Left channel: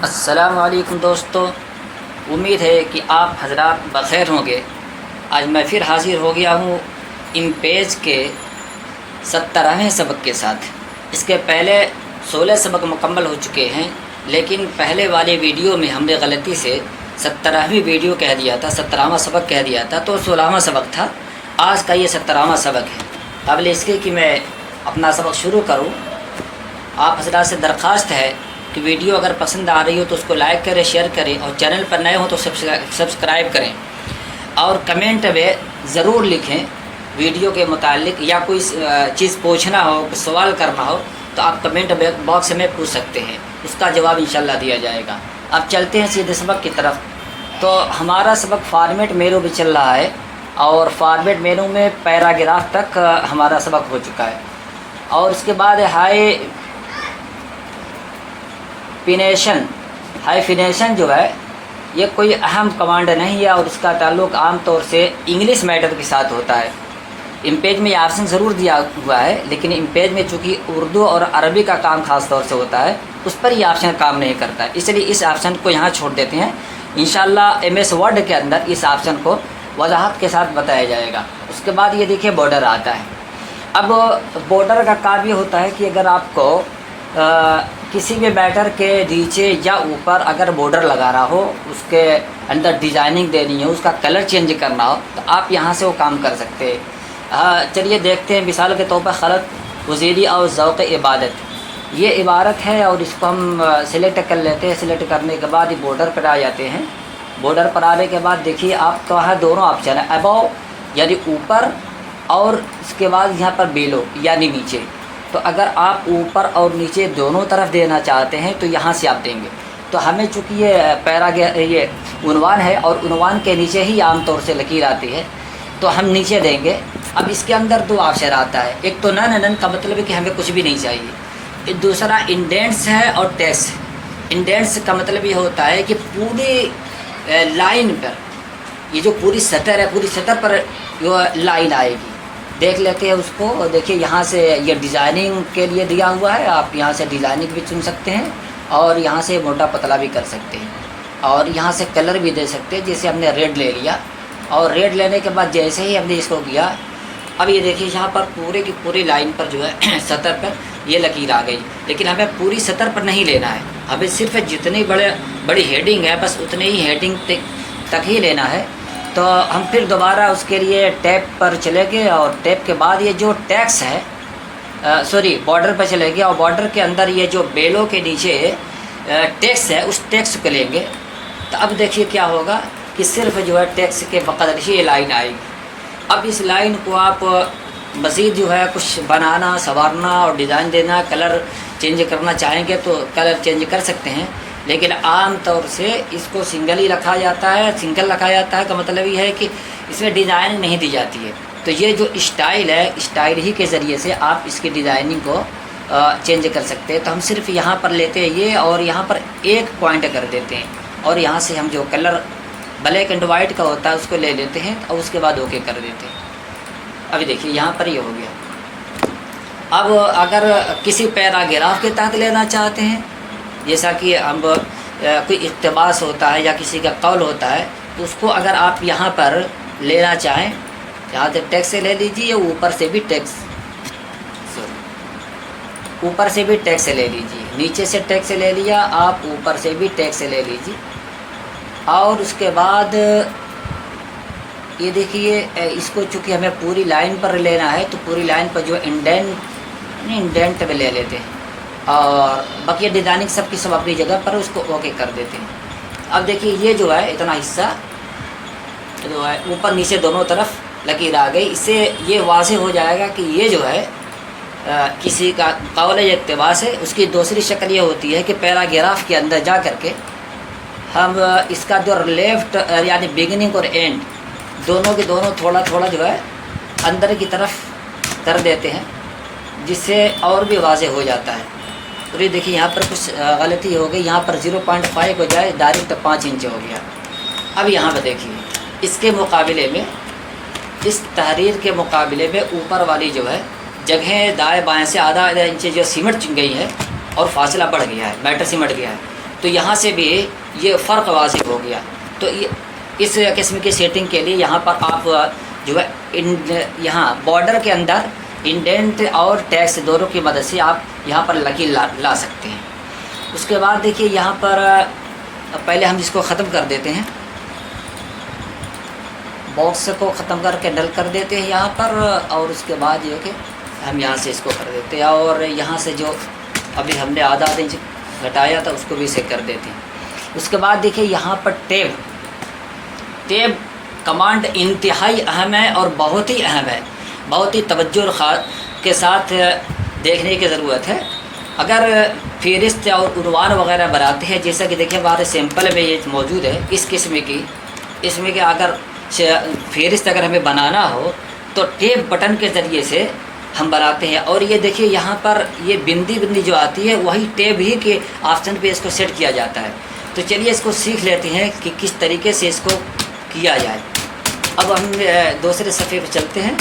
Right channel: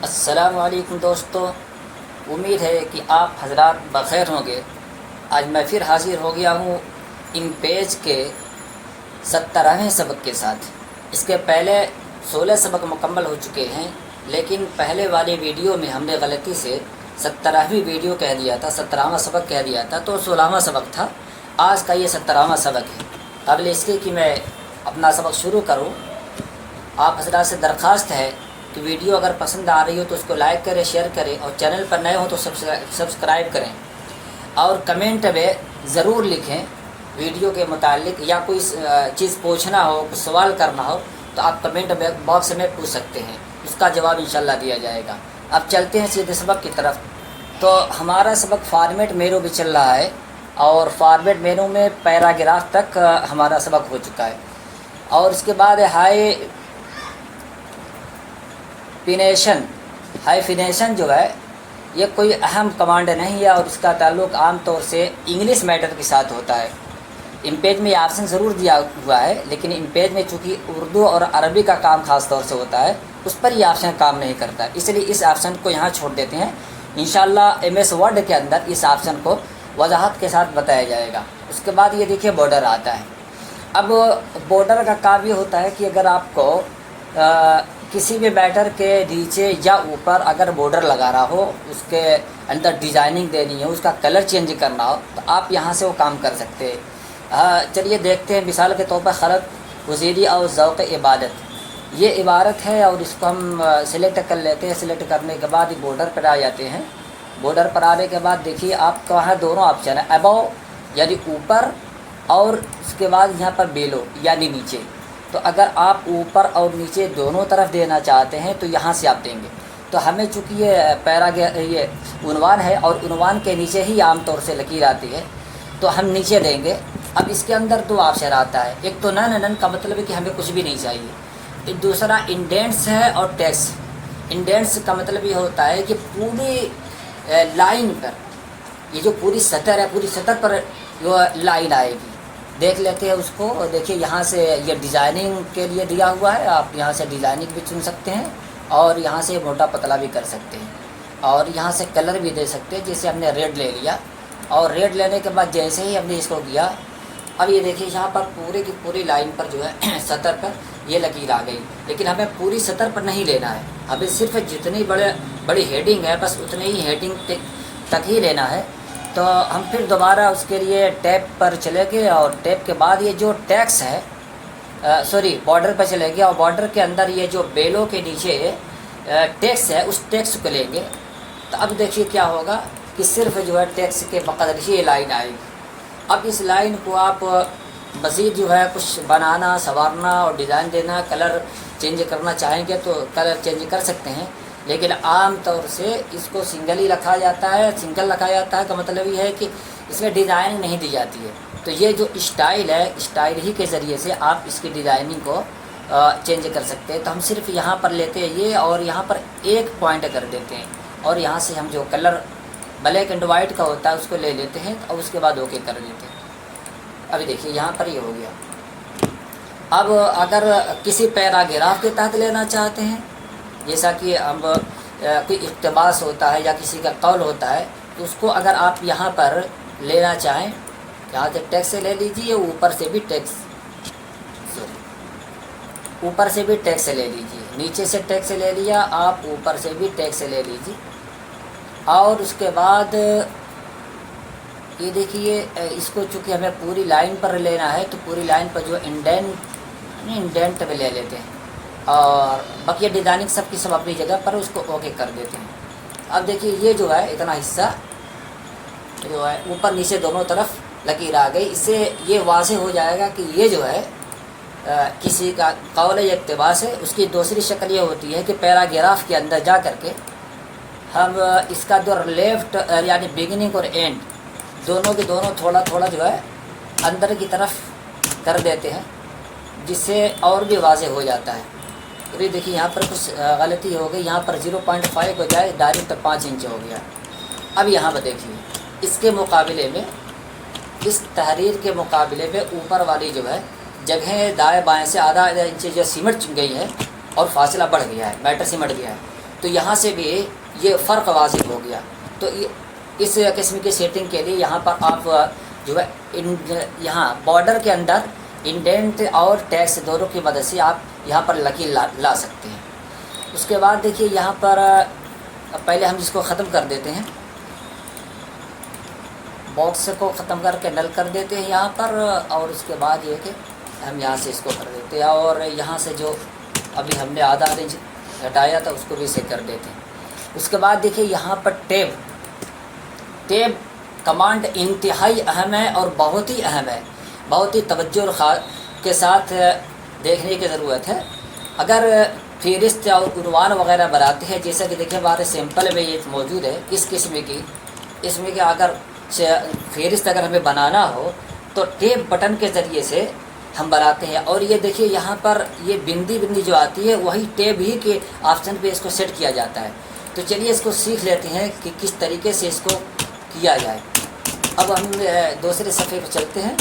अस्सलामुअलैकुम दोस्तों, उम्मीद है कि आप हजरात बख़ैर होंगे। आज मैं फिर हाज़िर हो गया हूँ इम्पेज के 17वें सबक के साथ। इसके पहले 16 सबक मुकम्मल हो चुके हैं, लेकिन पहले वाले वीडियो में हमने गलती से 17वीं वीडियो कह दिया था, 17वां सबक कह दिया था, तो 16वां सबक था। आज का ये 17वां सबक है। काबिल इसके कि मैं अपना सबक शुरू करूँ, आप हजरात से दरख्वास्त है कि वीडियो अगर पसंद आ रही हो तो उसको लाइक करें, शेयर करें, और चैनल पर नए हो तो सब्सक्राइब करें, और कमेंट में ज़रूर लिखें वीडियो के मुतालिक, या कोई चीज़ पूछना हो, सवाल करना हो तो आप कमेंट बॉक्स में पूछ सकते हैं, उसका जवाब इंशाल्लाह दिया जाएगा। अब चलते हैं सीधे सबक की तरफ। तो हमारा सबक फॉर्मेट मेनू भी चल रहा है, और फॉर्मेट मेनू में पैराग्राफ तक हमारा सबक हो चुका है। और उसके बाद हाइफिनेशन जो है, ये कोई अहम कमांड नहीं है, और इसका ताल्लुक़ आम तौर से इंग्लिश मैटर के साथ होता है। इम्पेज में ऑप्शन ज़रूर दिया हुआ है, लेकिन इम्पेज में चूँकि उर्दू और अरबी का काम ख़ास तौर से होता है, उस पर ये ऑप्शन काम नहीं करता है, इसलिए इस ऑप्शन को यहाँ छोड़ देते हैं। इंशाल्लाह MS वर्ड के अंदर इस ऑप्शन को वजाहत के साथ बताया जाएगा। उसके बाद ये देखिए बॉर्डर आता है। अब बॉर्डर का काम ये होता है कि अगर आपको किसी भी मैटर के नीचे या ऊपर अगर बॉर्डर लगाना हो, उसके अंदर डिज़ाइनिंग देनी हो, उसका कलर चेंज करना हो, तो आप यहाँ से वो काम कर सकते हैं। चलिए देखते हैं। मिसाल के तौर पर खलत वज़ीरी और ज़ौक़ इबादत, ये इबारत है, और इसको हम सिलेक्ट कर लेते हैं। सिलेक्ट करने के बाद ये बॉर्डर पर आ जाते हैं। बॉर्डर पर आने के बाद देखिए आपको वहाँ दोनों ऑप्शन है, अबव यानी ऊपर, और उसके बाद यहाँ पर बेलो यानी नीचे। तो अगर आप ऊपर और नीचे दोनों तरफ देना चाहते हैं तो यहाँ से आप देंगे। तो हमें चूँकि ये उन्वान है, और उन्वान के नीचे ही आमतौर से लकीर आती है, तो हम नीचे देंगे। अब इसके अंदर दो ऑप्शन आता है, एक तो नन का मतलब है कि हमें कुछ भी नहीं चाहिए, दूसरा इंडेंट्स है और टेक्स्ट। इंडेंट्स का मतलब ये होता है कि पूरी लाइन पर, ये जो पूरी सतह है, पूरी सतह पर जो लाइन आएगी, देख लेते हैं उसको। देखिए यहाँ से ये डिज़ाइनिंग के लिए दिया हुआ है, आप यहाँ से डिज़ाइनिंग भी चुन सकते हैं, और यहाँ से मोटा पतला भी कर सकते हैं, और यहाँ से कलर भी दे सकते हैं। जैसे हमने रेड ले लिया, और रेड लेने के बाद जैसे ही हमने इसको किया, अब ये देखिए यहाँ पर पूरे की पूरी लाइन पर जो है सतह पर ये लकीर आ गई। लेकिन हमें पूरी सतह पर नहीं लेना है, हमें सिर्फ जितनी बड़ी हेडिंग है बस उतने ही हेडिंग तक ही लेना है। तो हम फिर दोबारा उसके लिए टैब पर चले गए, और टैब के बाद ये जो टैक्स है, बॉर्डर पर चले गए, और बॉर्डर के अंदर ये जो बेलो के नीचे टैक्स है, उस टैक्स को लेंगे। तो अब देखिए क्या होगा कि सिर्फ जो है टैक्स के बकदर ही ये लाइन आएगी। अब इस लाइन को आप मज़ीद जो है कुछ बनाना, संवारना और डिज़ाइन देना, कलर चेंज करना चाहेंगे तो कलर चेंज कर सकते हैं, लेकिन आम तौर से इसको सिंगल ही रखा जाता है। सिंगल रखा जाता है का मतलब ये है कि इसमें डिज़ाइनिंग नहीं दी जाती है। तो ये जो स्टाइल है, स्टाइल ही के ज़रिए से आप इसकी डिज़ाइनिंग को चेंज कर सकते हैं। तो हम सिर्फ यहाँ पर लेते हैं ये, और यहाँ पर एक पॉइंट कर देते हैं, और यहाँ से हम जो कलर ब्लैक एंड वाइट का होता है उसको ले लेते हैं, और उसके बाद ओके कर देते हैं। अभी देखिए यहाँ पर ये हो गया। अब अगर किसी पैराग्राफ के तहत लेना चाहते हैं, जैसा कि हम कोई इक़्तिबास होता है या किसी का कौल होता है, तो उसको अगर आप यहाँ पर लेना चाहें, यहाँ से टैक्स से ले लीजिए, ऊपर से भी टैक्स ले लीजिए, नीचे से टैक्स ले लिया, आप ऊपर से भी टैक्स ले लीजिए। और उसके बाद ये देखिए, इसको चूँकि हमें पूरी लाइन पर लेना है, तो पूरी लाइन पर जो इंडेंट में ले लेते हैं, और बाकी डिज़ाइनिंग सब की सब अपनी जगह पर, उसको ओके कर देते हैं। अब देखिए ये जो है इतना हिस्सा जो है ऊपर नीचे दोनों तरफ लकीर आ गई। इससे ये वाज़ेह हो जाएगा कि ये जो है किसी का कौल या इक़्तिबास है। उसकी दूसरी शक्ल ये होती है कि पैराग्राफ के अंदर जा कर के हम इसका जो लेफ़्ट यानी बिगिनिंग और एंड दोनों के दोनों थोड़ा थोड़ा जो है अंदर की तरफ कर देते हैं, जिससे और भी वाज़ेह हो जाता है। और ये देखिए यहाँ पर कुछ गलती हो गई, यहाँ पर 0.5 हो जाए, डायरेक्ट 5 इंच हो गया। अब यहाँ पर देखिए इसके मुकाबले में, इस तहरीर के मुकाबले में ऊपर वाली जो है जगह दाएं बाएं से आधा इंच जो सिमट गई है, और फासला बढ़ गया है, मैटर सिमट गया है। तो यहाँ से भी ये फ़र्क वाजिब हो गया। तो ये इस किस्म की सेटिंग के लिए यहाँ पर आप जो है यहाँ बॉर्डर के अंदर इंडेंट और टैक्स दोनों की मदद से आप यहाँ पर लकीर ला सकते हैं। उसके बाद देखिए यहाँ पर पहले हम इसको ख़त्म कर देते हैं, बॉक्स को ख़त्म करके डल कर देते हैं यहाँ पर, और उसके बाद ये कि हम यहाँ से इसको कर देते हैं, और यहाँ से जो अभी हमने आधा इंच घटाया था उसको भी इसे कर देते हैं। उसके बाद देखिए यहाँ पर टैब कमांड इंतहाई अहम है और बहुत ही अहम है, बहुत ही तवज्जो के साथ देखने की ज़रूरत है। अगर फ़हरिस्त और उन्वान वगैरह बनाते हैं, जैसा कि देखिए हमारे सैंपल में ये मौजूद है इस किस्म की, इसमें कि अगर फ़हरिस्त अगर हमें बनाना हो तो टैब बटन के ज़रिए से हम बनाते हैं। और ये देखिए यहाँ पर ये बिंदी जो आती है वही टैब ही के ऑप्शन पे इसको सेट किया जाता है। तो चलिए इसको सीख लेते हैं कि किस तरीके से इसको किया जाए। अब हम दूसरे सफ़े पे चलते हैं।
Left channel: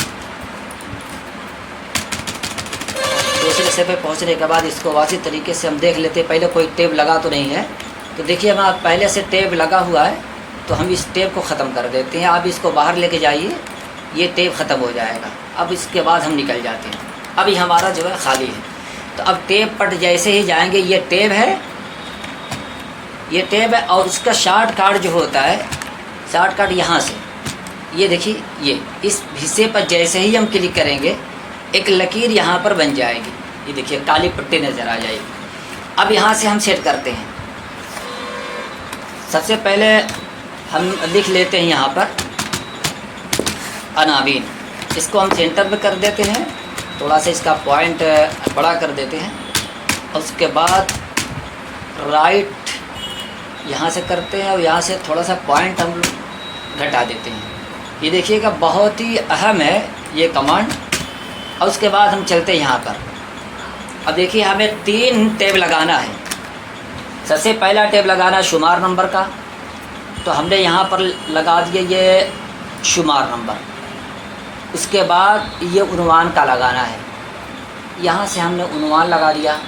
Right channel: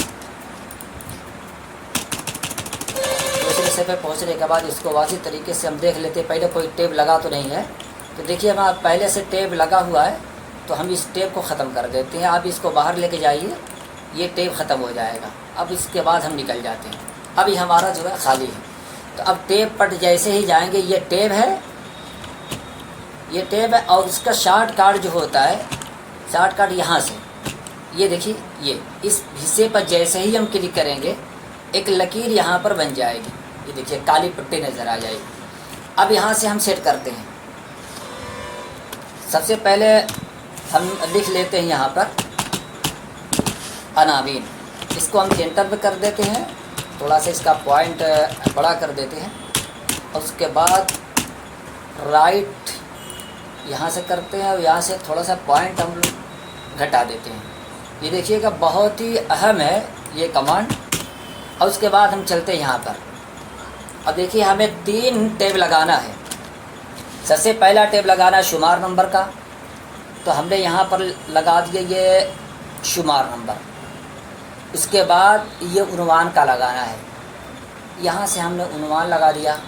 दूसरे सफ़े पहुँचने के बाद इसको वाज़िह तरीके से हम देख लेते हैं, पहले कोई टैब लगा तो नहीं है। तो देखिए हमारा पहले से टैब लगा हुआ है, तो हम इस टैब को ख़त्म कर देते हैं। आप इसको बाहर लेके जाइए, ये टैब ख़त्म हो जाएगा। अब इसके बाद हम निकल जाते हैं, अभी हमारा जो है खाली है। तो अब टैब पर जैसे ही जाएंगे, ये टैब है, ये टैब है, और इसका शॉर्टकट जो होता है, शॉर्टकट यहाँ से ये देखिए, ये इस हिस्से पर जैसे ही हम क्लिक करेंगे एक लकीर यहाँ पर बन जाएगी, ये देखिए काली पट्टी नज़र आ जाएगी। अब यहाँ से हम सेट करते हैं। सबसे पहले हम लिख लेते हैं यहाँ पर अनावीन, इसको हम सेंटर पे कर देते हैं, थोड़ा सा इसका पॉइंट बड़ा कर देते हैं। उसके बाद राइट यहाँ से करते हैं और यहाँ से थोड़ा सा पॉइंट हम घटा देते हैं। ये देखिएगा बहुत ही अहम है ये कमांड। और उसके बाद हम चलते हैं यहाँ पर। अब देखिए हमें 3 टैब लगाना है। सबसे पहला टैब लगाना शुमार नंबर का, तो हमने यहाँ पर लगा दिया ये शुमार नंबर। उसके बाद ये उन्वान का लगाना है, यहाँ से हमने उन्वान लगा दिया।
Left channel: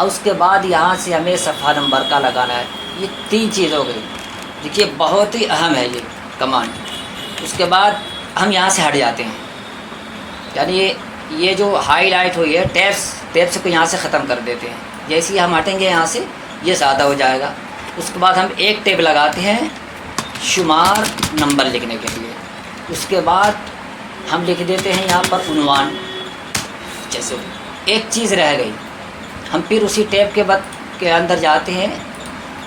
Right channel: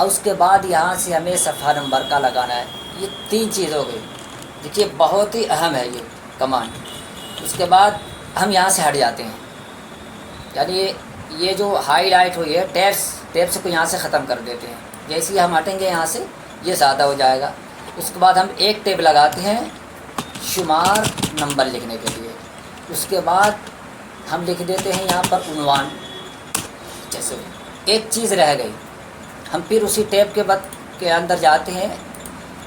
और उसके बाद यहाँ से हमें सफ़ा नंबर का लगाना है। ये 3 चीज़ हो गई। देखिए बहुत ही अहम है ये कमांड। उसके बाद हम यहाँ से हट जाते हैं, यानी ये जो हाईलाइट हुई है टैब से को यहाँ से ख़त्म कर देते हैं। जैसे ही हम हटेंगे यहाँ से ये ज़्यादा हो जाएगा। उसके बाद हम एक टैब लगाते हैं शुमार नंबर लिखने के लिए। उसके बाद हम लिख देते हैं यहाँ पर उन्वान। जैसे एक चीज़ रह गई, हम फिर उसी टैब के अंदर जाते हैं।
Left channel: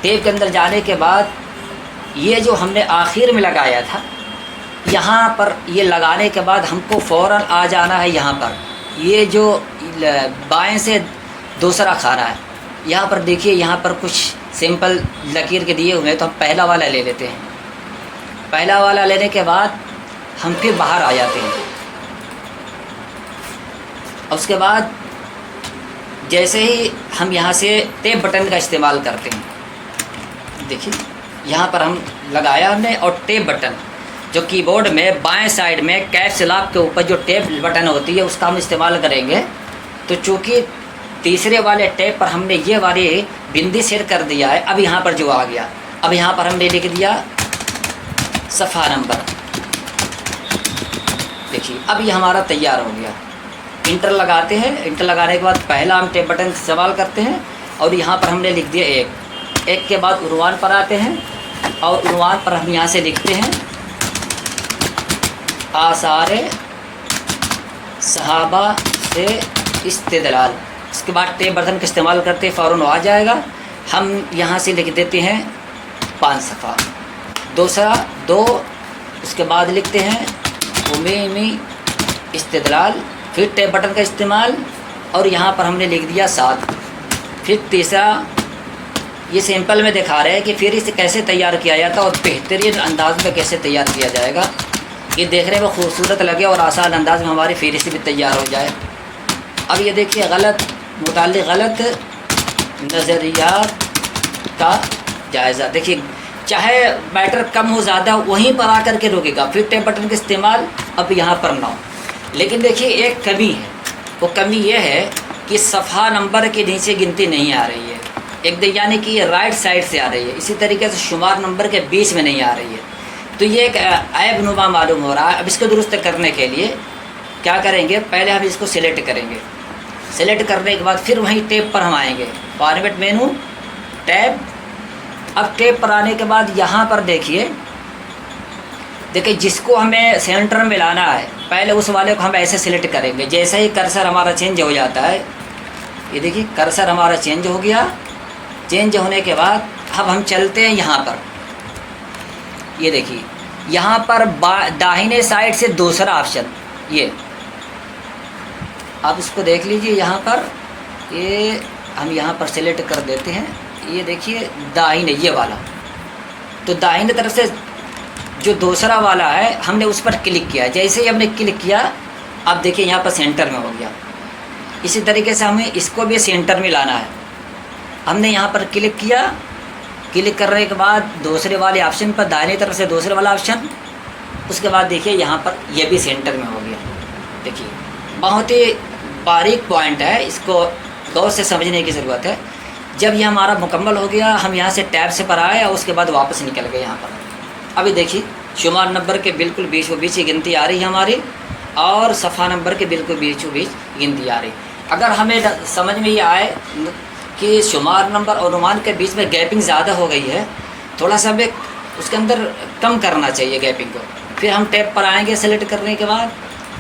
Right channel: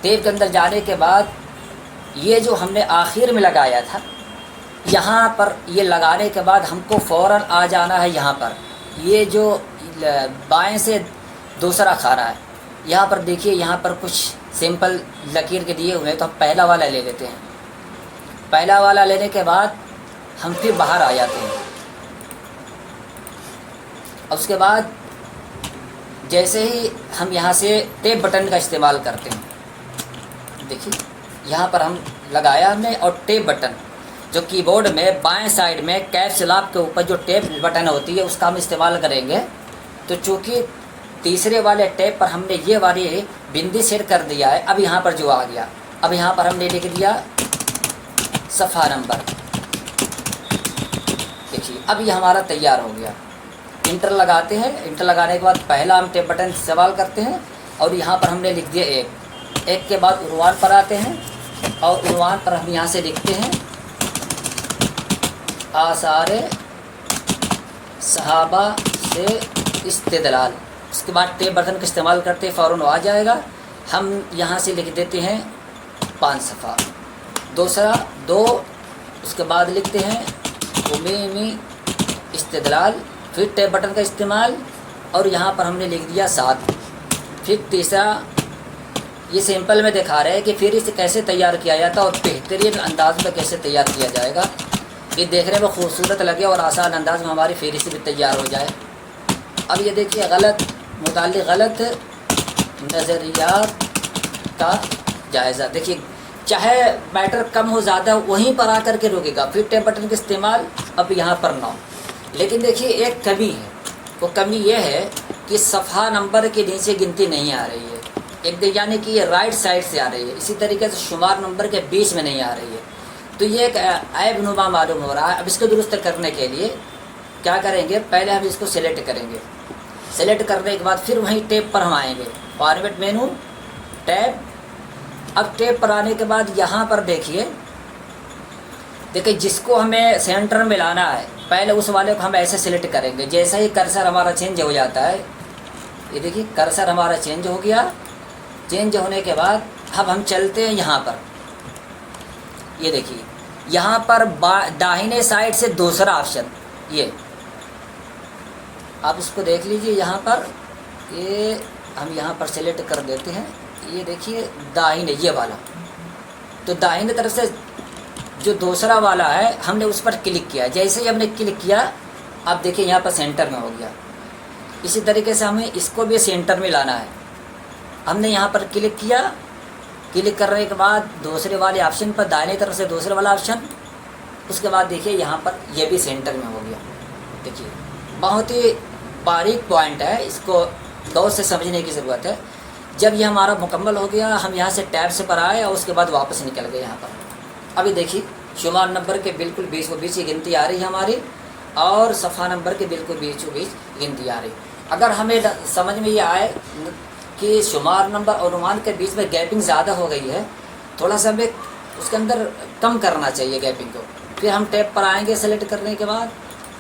टैब के अंदर जाने के बाद ये जो हमने आखिर में लगाया था, यहाँ पर ये लगाने के बाद हमको फ़ौरन आ जाना है यहाँ पर। ये जो बाएं से दूसरा खाना है, यहाँ पर देखिए, यहाँ पर कुछ सिंपल लकीर के दिए हुए हैं, तो हम पहला वाला ले लेते हैं। पहला वाला लेने के बाद हम फिर बाहर आ जाते हैं। उसके बाद जैसे ही हम यहाँ से टैब बटन का इस्तेमाल करते हैं, देखिए यहाँ पर हम लगाया हमने, और टैब बटन जो कीबोर्ड में बाएं साइड में कैप्स लॉक के ऊपर जो टैब बटन होती है उसका हम इस्तेमाल करेंगे। तो चूँकि तीसरे वाले टैब पर हमने ये वाली बिंदी सेट कर दिया है, अब यहाँ पर जो आ गया, अब यहाँ पर हमने लिख दिया सफ़ा नंबर। देखिए अब ये हमारा तैयार हो गया। इंटर लगाते हैं। इंटर लगाने के बाद पहला हम टैब बटन इस्तेमाल करते हैं, और यहाँ पर हमने लिख दिया एक के बाद उन्वान पर आते हैं, और उन्वान पर हम यहाँ से लिखते हैं आसारे सहाबा से इस्तेदलाल। इसके बाद टैब बटन का इस्तेमाल करते हैं, फ़ौरन आ जाएगा। हम यहाँ से लिख देते हैं 5 सफ़ा, दूसरा 2, उसके बाद लिखते हैं उमीमी इस्तेदलाल, फिर टैब बटन का इस्तेमाल, और यहाँ पर हमने लिख दिया 7। फिर तीसरा, ये सैंपल में दिखा रहे हैं कि फिर इसे कैसे तैयार किया जाता है और बेहतरीन अंदाज में कैसे तैयार किया जाएगा, ये देखने में खूबसूरत लगे और आसान अंदाज में हमारी फ़हरिस्त भी तैयार हो जाए। अब ये देखिए गलत नज़रियात का जायज़ा। देखिए चाहे बैटर कम हो ज़्यादा वहीं पर आकर के रुकेगा, फिर टैब बटन का इस्तेमाल अब यहाँ पर ना हो। लेकिन देखिए एक कमी है, वो कमी ये है कि सफ़ा नंबर के नीचे गिनती नहीं आ रही है। यानी कि ये राइट साइड से आ रही है, इसी तरीके से शुमार नंबर के बीच में नहीं आ रही है। तो ये एक ऐब नुमा मालूम हो रहा है। अब इसको दुरुस्त करने के लिए क्या करेंगे, पहले हम इसको सिलेक्ट करेंगे। सिलेक्ट करने के बाद फिर वहीं टैब पर हम आएंगे, फॉर्मेट मेनू, टैब। अब टैब पर आने के बाद यहाँ पर देखिए जिसको हमें सेंटर में लाना है पहले उस वाले को हम ऐसे सिलेक्ट करेंगे। जैसे ही कर्सर हमारा चेंज हो जाता है, ये देखिए कर्सर हमारा चेंज हो गया। चेंज होने के बाद अब हम चलते हैं यहाँ पर, ये देखिए यहाँ पर दाहिने साइड से दूसरा ऑप्शन, ये आप इसको देख लीजिए। यहाँ पर ये हम यहाँ पर सिलेक्ट कर देते हैं, ये देखिए दाहिने ये वाला। तो दाहिने तरफ से जो दूसरा वाला है हमने उस पर क्लिक किया। जैसे ही हमने क्लिक किया अब देखिए यहाँ पर सेंटर में हो गया। इसी तरीके से हमें इसको भी सेंटर में लाना है। हमने यहाँ पर क्लिक किया, क्लिक करने के बाद दूसरे वाले ऑप्शन पर दाहिने तरफ से दूसरे वाला ऑप्शन, उसके बाद देखिए यहाँ पर ये भी सेंटर में हो गया। देखिए बहुत ही बारीक पॉइंट है, इसको गौर से समझने की ज़रूरत है। जब ये हमारा मुकम्मल हो गया, हम यहाँ से टैब से पर आए और उसके बाद वापस निकल गए यहाँ पर। अभी देखिए शुमार नंबर के बिल्कुल बीचों बीच ही गिनती आ रही है हमारी, और सफ़ा नंबर के बिल्कुल बीचों बीच गिनती आ रही। अगर हमें समझ में ये आए कि शुमार नंबर और अनुमान के बीच में गैपिंग ज़्यादा हो गई है, थोड़ा सा हमें उसके अंदर कम करना चाहिए गैपिंग को। फिर हम टैब पर आएंगे, सेलेक्ट करने के बाद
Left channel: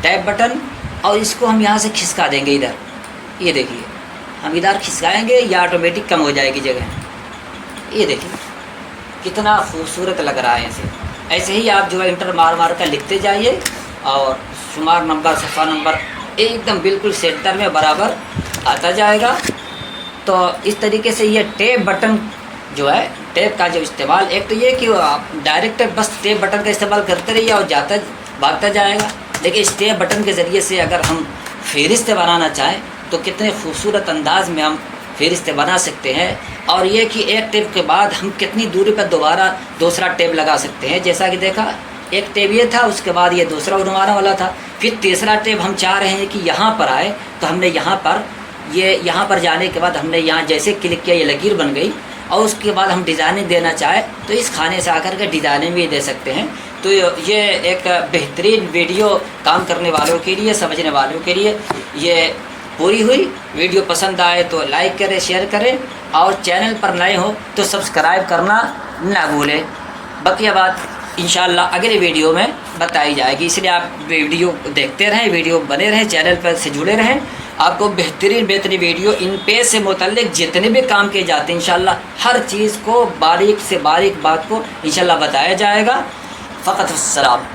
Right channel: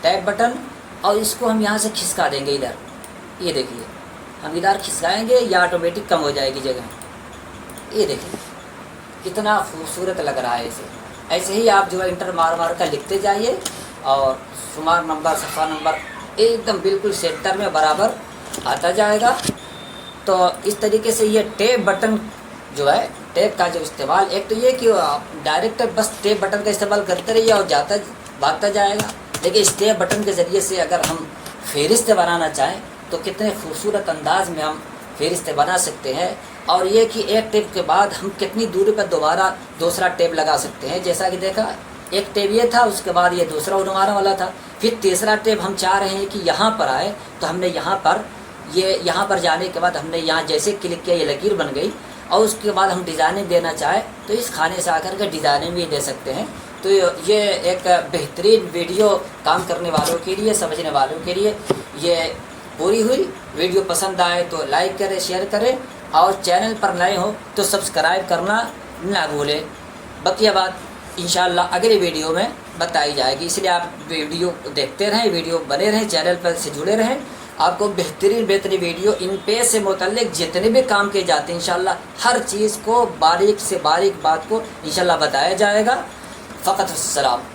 टैब बटन, और इसको हम यहाँ से खिसका देंगे इधर। ये देखिए हम इधर खिसकाएंगे, या ऑटोमेटिक कम हो जाएगी जगह। ये देखिए कितना खूबसूरत लग रहा है इसे। ऐसे ही आप जो है इंटर मार मार कर लिखते जाइए, और शुमार नंबर सफ़ा नंबर एकदम बिल्कुल सेंटर में बराबर आता जाएगा। तो इस तरीके से ये टैब बटन जो है, टैब का जो इस्तेमाल, एक तो ये कि आप डायरेक्ट बस टैब बटन का इस्तेमाल करते रहिए और जाता भागता जाएगा। लेकिन इस टैब बटन के ज़रिए से अगर हम फ़हरिस्त बनाना चाहें तो कितने खूबसूरत अंदाज में हम फ़हरिस्त बना सकते हैं। और ये कि एक टैब के बाद हम कितनी दूरी पर दोबारा दूसरा टैब लगा सकते हैं। जैसा कि देखा, एक टैब ये था, उसके बाद ये दूसरा उड़वाने वाला था, फिर तीसरा टैब हम चाह रहे हैं कि यहाँ पर आए, तो हमने यहाँ पर जाने के बाद हमने यहाँ जैसे क्लिक किया, ये लकीर बन गई। और उसके बाद हम डिज़ाइनिंग देना चाहे तो इस खाने से आकर के डिज़ाइनिंग भी दे सकते हैं। तो ये एक बेहतरीन वीडियो काम करने वालों के लिए, समझने वालों के लिए ये पूरी हुई। वीडियो पसंद आए तो लाइक करें, शेयर करें, और चैनल पर नए हो तो सब्सक्राइब करना ना भूलें। बकिया बात इंशाअल्लाह अगले वीडियो में बताई जाएगी, इसलिए आप वीडियो देखते रहें, वीडियो बने रहें, चैनल पर से जुड़े रहें। आपको बेहतरीन वीडियो इन पेज से मुतल्लिक जितने भी काम किए जाते हैं इंशाअल्लाह हर चीज़ को बारीक से बारीक बात को इंशाअल्लाह बताया जाएगा। फ़कत अस्सलाम।